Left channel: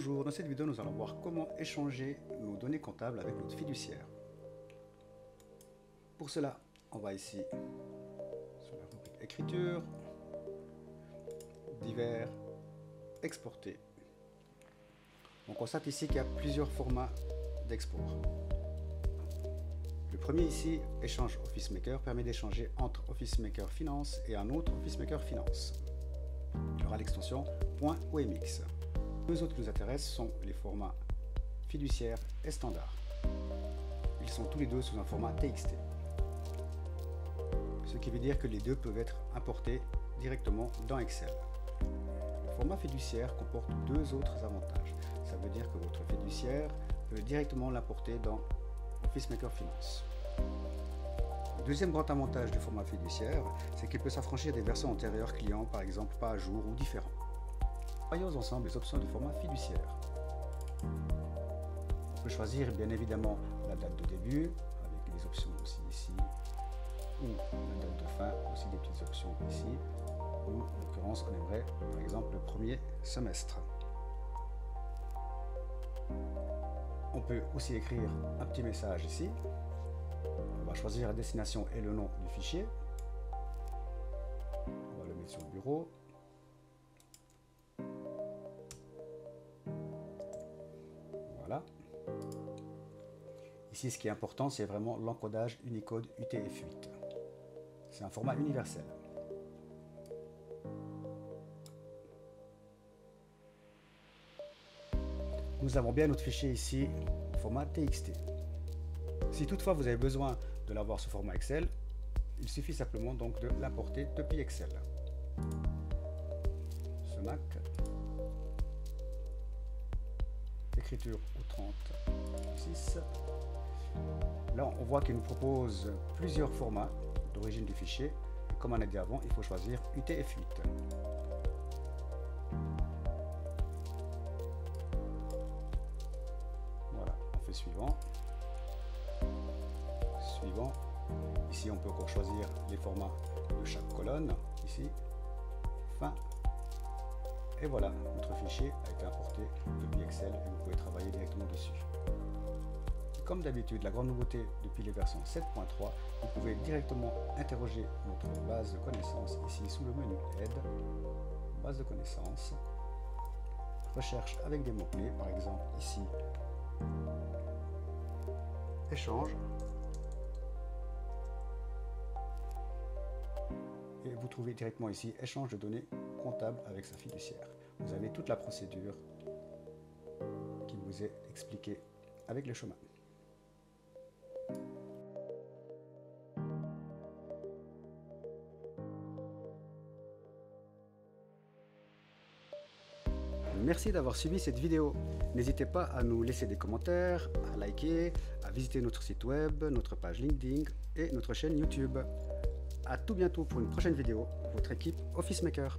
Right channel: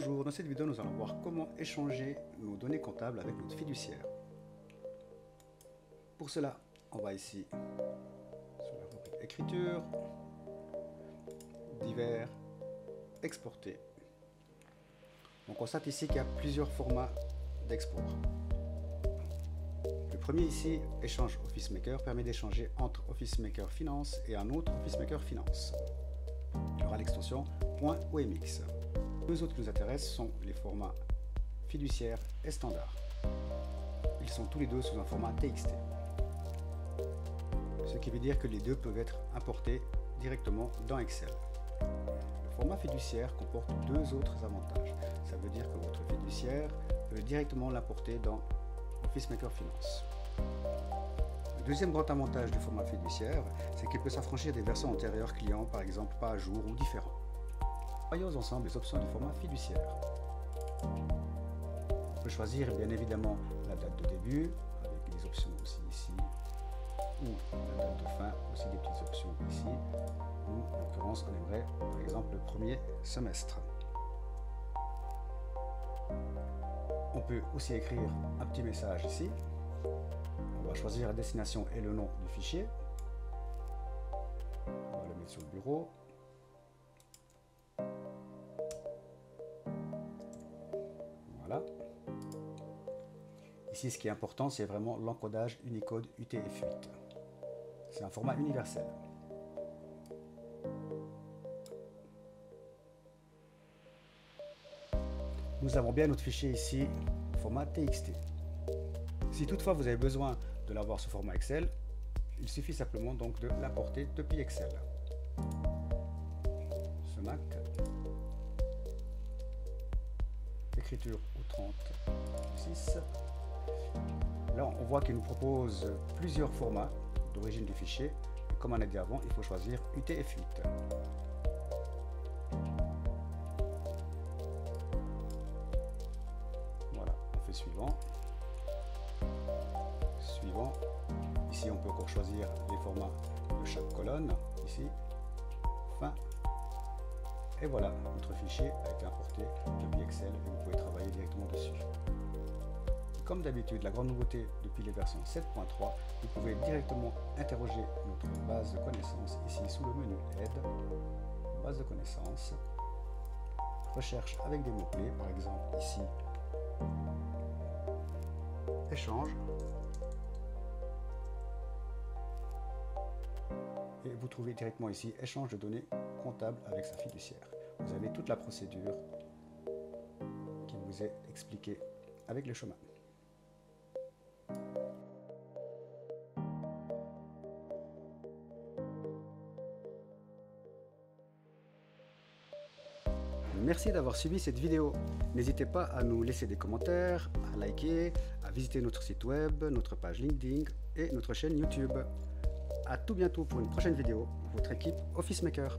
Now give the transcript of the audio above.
Bonjour, dans cette vidéo nous allons voir comment échanger nos données comptables avec notre fiduciaire. Pour cela, on va ici sur la rubrique écriture, divers, exporter. On constate ici qu'il y a plusieurs formats d'export. Le premier ici, échange Office Maker, permet d'échanger entre Office Maker Finance et un autre Office Maker Finance. Il aura l'extension .omx. Les autres qui nous intéressent sont les formats fiduciaire et standard. Ils sont tous les deux sous un format TXT. Ce qui veut dire que les deux peuvent être importés directement dans Excel. Le format fiduciaire comporte deux autres avantages. Ça veut dire que votre fiduciaire peut directement l'importer dans Office Maker Finance. Le deuxième grand avantage du format fiduciaire, c'est qu'il peut s'affranchir des versions antérieures clients, par exemple pas à jour ou différents. Voyons ensemble les options du format fiduciaire. On peut choisir bien évidemment la date de début, avec des options aussi ici, ou la date de fin, aussi des petites options ici, ou en l'occurrence on aimerait par exemple le premier semestre. On peut aussi écrire un petit message ici. On va choisir la destination et le nom du fichier. On va le mettre sur le bureau. Voilà. Ici, ce qui est important, c'est vraiment l'encodage Unicode UTF-8. C'est un format universel. Nous avons bien notre fichier ici, format TXT. Si toutefois vous avez besoin de l'avoir sous format Excel, il suffit simplement donc de l'importer depuis Excel. Ce Mac, écriture au 36. Là, on voit qu'il nous propose plusieurs formats d'origine du fichier. Comme on a dit avant, il faut choisir UTF-8. Voilà, on fait suivant. Suivant. Ici, on peut encore choisir les formats de chaque colonne. Ici, fin. Et voilà, notre fichier a été importé depuis Excel et vous pouvez travailler directement dessus. Comme d'habitude, la grande nouveauté depuis les versions 7.3, vous pouvez directement interroger notre base de connaissances ici sous le menu Aide, base de connaissances, recherche avec des mots-clés, par exemple ici, échange, et vous trouvez directement ici échange de données comptables avec sa fiduciaire. Vous avez toute la procédure qui vous est expliquée avec le chemin. Merci d'avoir suivi cette vidéo. N'hésitez pas à nous laisser des commentaires, à liker, à visiter notre site web, notre page LinkedIn et notre chaîne YouTube. À tout bientôt pour une prochaine vidéo. Votre équipe Office Maker.